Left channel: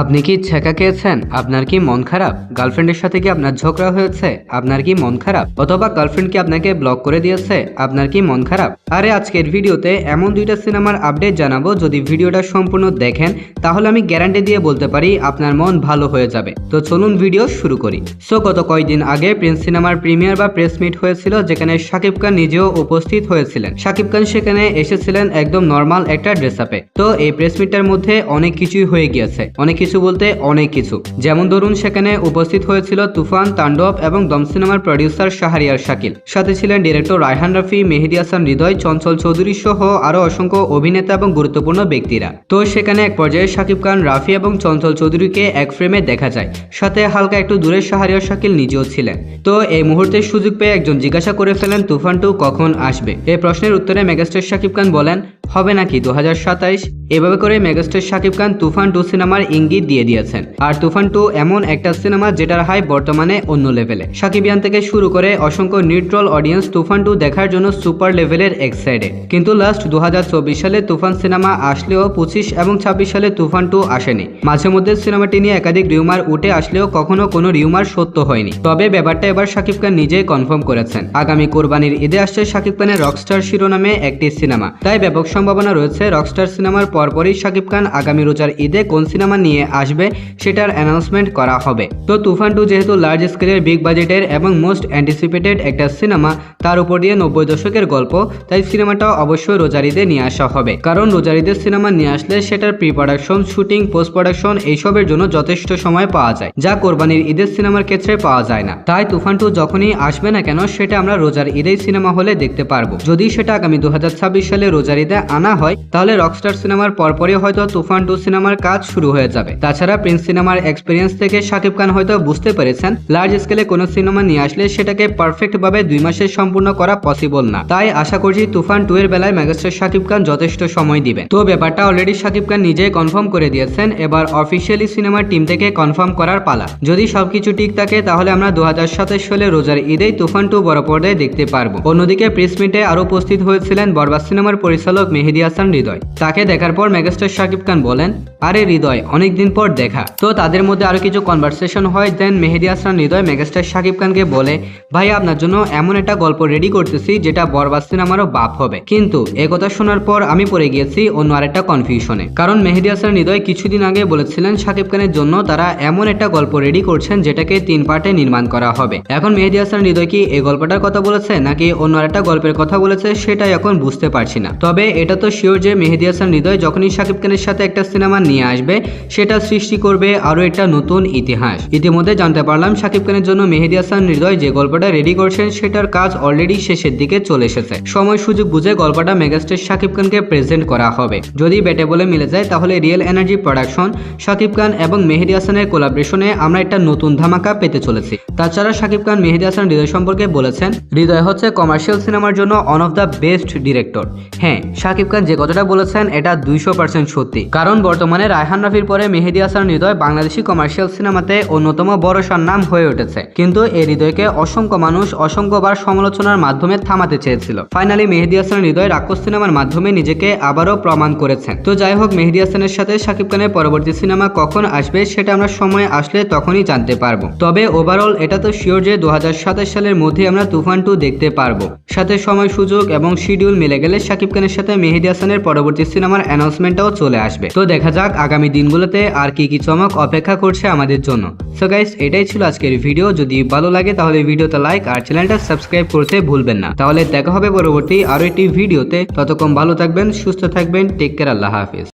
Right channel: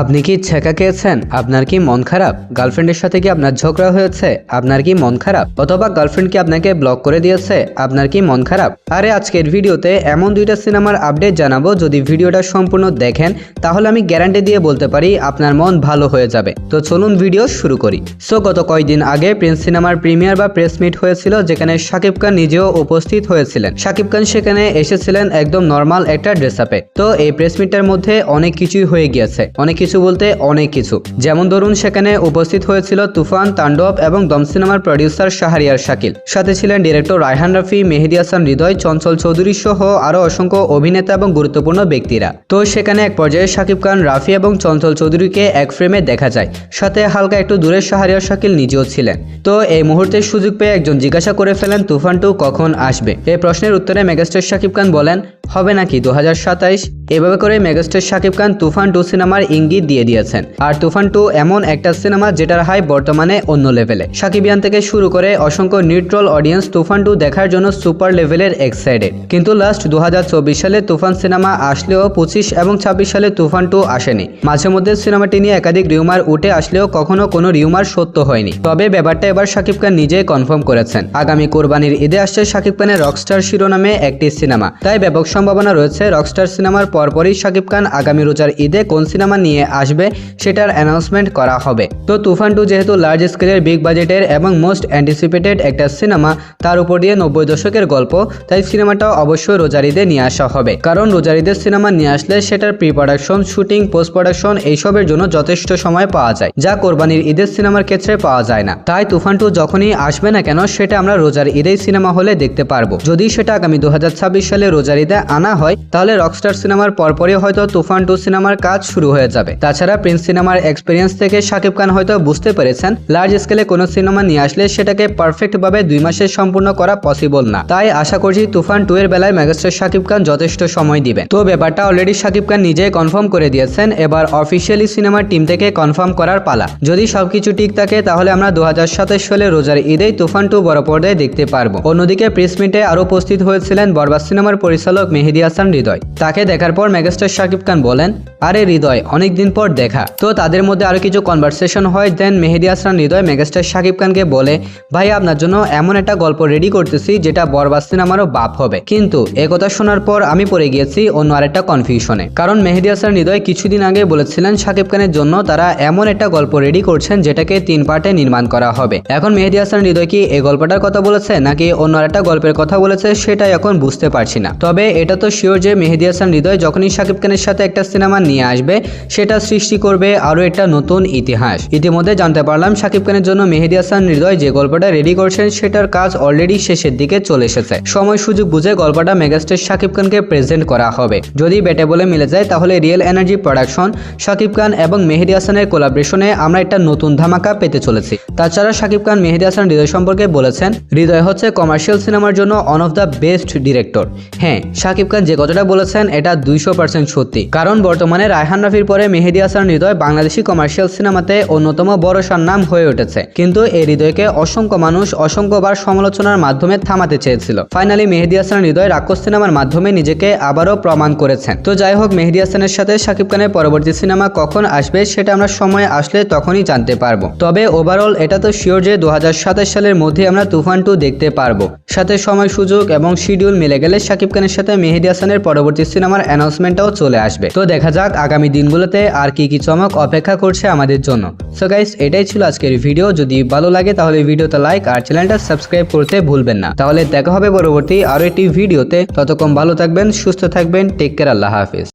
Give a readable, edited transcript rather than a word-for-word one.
আপনি কি ছেঁকা খেয়েছেন? আপনার কি মন খারাপ? গার্লফ্রেন্ডের সাথে কি আপনার ঝগড়া হয়েছে? আপনার কি মন খারাপ? অথবা গার্লফ্রেন্ড কি আপনাকে ব্লক করে দিয়েছে? আপনার কি মন খারাপ? আরে আজকের ভিডিওতে এমন দুইটা সিনেমার আপডেট জানাবো, যদি ভিডিওটা সম্পূর্ণ দেখেন তাহলে আমি গ্যারান্টি দিয়ে বলতে পারি আপনার মন ভালো হয়ে যাবে। তো চলুন ভিডিও শুরু করি। সো গত কয়েকদিন আগে প্রিন্স সিনেমার প্রিমিয়ার বা প্রেস মিট হয়েছিল, যেখানে শাকিব খান নিজেও উপস্থিত হয়েছিলেন। শাকিব খান সেখানে এসেছিলেন একদম নর্মাল একটা ড্রেস আপে। তো এই প্রেস মিটের মধ্যে অনেক কিছুই হয়ে গিয়েছে, অনেক কিছু বলতে অনেক কিছু। যেমন ধরুন, সেখানে উপস্থিত হয়েছিল তুফান, তাণ্ডব এবং দম সিনেমার প্রডিউসার শাহরিয়ার শাকিল, সাথে ছিলেন ডিরেক্টর রায়হান রাফি, মেহেদী হাসান হৃদয়, চঞ্চল চৌধুরী সহ আরো অসংখ্য অভিনেতা এবং গুরুত্বপূর্ণ ব্যক্তিরা। তো সেখানে এক পর্যায়ে শাকিব খান, রাফি এবং চঞ্চল চৌধুরীকে এক ফ্রেমে দেখা যায়, সাথে হালকা একটু দূরে শাহরিয়ার শাকিল নিজেও ছিলেন। তো এই মুহূর্তে সুযোগ পেয়ে একজন জিজ্ঞাসা করে ফেলেন তুফান 2 কখন আসবে। এই প্রশ্নের উত্তরে মেগাস্টার শাকিব খান বলেন, হবে নাকি 2027। এভাবে করে মেগাস্টার শাকিব খান তুফান 2 সিনেমার ইঙ্গিত দিয়ে দিয়েছেন। আর তুফান 2 এমন একটা সিনেমা যেটার হাইপ বর্তমানে অন্য লেভেলে। শাকিবিয়ান থেকে শুরু করে অসংখ্য নিউট্রাল অডিয়েন্স তুফান 2 দেখার জন্য সুপার লেভেলের এক্সাইটেড। কিন্তু লাস্ট 2024 সালে তুফান সিনেমা আসলেও 25 এবং 26 সালে তুফান 2 আসেনি। মাঝে মধ্যে সিনেমাটি নিয়ে একাধিক রিউমার উঠে আসলেও কখনো কোনো রিউমার সত্য হয়নি। তবে ব্যাপারটা এবার শাকিব খান নিজেই কনফার্ম করেছেন। আগামী কোরবানির ঈদে আসছে শাকিব খানের রকস্টার শিরোনামে একটি সিনেমা। তাই ব্যাপক সম্ভাবনা রয়েছে রকস্টার সিনেমার পরপরই শাকিব খান আগামী রোজার ঈদে কোন সিনেমা নিয়ে আসবে সেটার অ্যানাউন্সমেন্ট করা হবে। তো তুফান 2 যেহেতু লার্জ স্কেলের, বিগ বাজেটের এবং মোস্ট অ্যান্টিসিপেটেড একটা সিনেমা, তার উপর দিয়ে 90 দশকের গল্প, তাই সিনেমাটা অবশ্যই রোজার ঈদে নিয়ে আসা হবে। কারণ রোজার ঈদের সিনেমা নিয়ে আসলে সেটার pre production, shooting, post production এইসবের জন্য যথেষ্ট সময় পাওয়া যায়, যা কোরবানির ঈদের সিনেমার ক্ষেত্রে পাওয়া যায় না। তাই তুফান 2 যখনই আসবে না কেন, সেটা আমরা রোজার ঈদেই সিনেমা হলে দেখতে পারবো। যদি সেটা আগামী 2026 সালে রোজার ঈদে আনা হয়, তাহলে রকস্টার সিনেমার পরপরই হয়তো তুফান 2 সিনেমার কাজ শুরু হয়ে যাবে। তাছাড়া প্রিন্স সিনেমার এক্সপিরিয়েন্স থেকে শাকিব খান হয়তো বুঝতে পেরেছেন লার্জ স্কেলে কোনো সিনেমা নিয়ে আসলে সেটাকে পারফেক্ট ভাবে 2 মাসে সম্পূর্ণ করা পসিবল না। তাই আশা করছি তুফান 2 এর বেলায় মেগাস্টার শাকিব খান যথেষ্ট সময় দিবেন। তো ব্যাপারটা অলরেডি শাকিব খান নিজেই কনফার্ম করে দিয়েছেন। এবার অফিসিয়ালি সিনেমার টিম থেকে কনফার্ম করার পালা। যদি সবকিছু ঠিক থাকে তাহলে আমরা 2027 সালে রোজার ঈদেই তুফান 2 বড় পর্দায় দেখতে পারবো। অন্যদিকে প্রেস মিটে আরো উপস্থিত হয়েছিলেন বরবাদ সিনেমার পরিচালক মেহেদী হাসান হৃদয়। তাকে দেখার পর মেগাস্টার শাকিব খান বলেন, আরে হৃদয়, অনেকদিন পর দেখা। তো তাদের মধ্যে আরো কিছু কনভারসেশন হয়। দেন মেহেদী হাসান হৃদয় মেগাস্টার শাকিব খানকে বলে, ভাই আপনার জন্য এমন একটা গল্প রেডি করতেছি যেটা বরবাদ সিনেমারও বাপ হবে। কিন্তু এই কথা শোনার পর আমি পড়ে গিয়েছি অন্য আরেকটা কনফিউশনে। কারণ মেহেদী হাসান হৃদয় কিছুদিন আগে বলেছিলেন শাকিব খানের জন্য তারা এমন একটা গল্প রেডি করছেন যেটাকে 3 পার্টে নির্মাণ করা হবে। এখন মেহেদী হাসান হৃদয় কি এই গল্পটার কথা বলেছে নাকি অন্য আরেকটা গল্পের কথা বলেছে সেটাই এখন বুঝতে পারছি না। তবে এটা তো শিওর যে মেহেদী হাসান হৃদয় যখনই শাকিব খানের সাথে একটা সিনেমা নিয়ে আসবে, সেটা সৃষ্টি করবে আরো একটা নতুন ইতিহাস। ইতিমধ্যে জানতে পারলাম শাকিব খানের জন্য মেহেদী হাসান হৃদয় যে গল্পটা রেডি করছেন সেটার কাজ অলরেডি শেষের দিকে চলে এসেছে। সময় সুযোগ বুঝে গল্পটা মেগাস্টার শাকিব খানকে প্রেজেন্ট করা হবে। যদি বেটে বলে মিলে যায় তাহলে real energy production, Shakib Khan এবং মেহেদী হাসানের কোলাবরেশনে আমরা একটা নতুন ধামাকা পেতে চলেছি। তাছাড়া শাকিব খান মেহেদী হাসান হৃদয় সম্পর্কে বলেছেন, হৃদয় হচ্ছে কমার্শিয়াল সিনেমার জন্য one of the best director. হ্যাঁ, শাকিব খান যে কথাটা বলেছেন এটা 200% সত্যি। কারণ বর্তমানে রায়হান রাফির পরে মেহেদী হাসান হৃদয় বাংলাদেশি কমার্শিয়াল সিনেমাতে অন্যতম বড় নাম হয়ে উঠেছে। কিন্তু এই হৃদয়কে অসংখ্য মানুষ অসংখ্যবার সমালোচনার মাধ্যমে থামাতে চেয়েছিল। ফাইনালি মেহেদী হাসান হৃদয় রাক্ষস সিনেমার মাধ্যমে নিজেকে আবারও প্রমাণ করেছেন। তো যাই হোক, মেহেদী হাসানের সাথে শাকিব খানের পরবর্তী সিনেমা কখন আসবে সেটা আমরা সময় আসলে তখনই জানতে পারবো। তবে ওভারঅল এটা তো শিওর যে 2027 সালের মধ্যে আমরা তুফান 2 দেখতে পারবো। সাথে সময় সুযোগ এবং শিডিউল মিলে গেলে শাকিব খানের সাথে মেহেদী হাসানের পরবর্তী সিনেমার অ্যানাউন্সমেন্টটাও চলে আসবে। তো দেখা যাক আগামী দিনগুলোতে আর কি কি চমক অপেক্ষা করছে আমাদের জন্য। সো গাইস, এটাই ছিল আজকের ভিডিও। যদি ভালো লাগে তাহলে ভিডিওতে লাইক আর চ্যানেলটা সাবস্ক্রাইব করতে ভুলবেন না। তাহলে দেখা হবে পরবর্তী আরো একটি ভিডিওতে। ততক্ষণ ভালো থাকবেন, সুস্থ থাকবেন। টেক কেয়ার, আল্লাহ হাফেজ।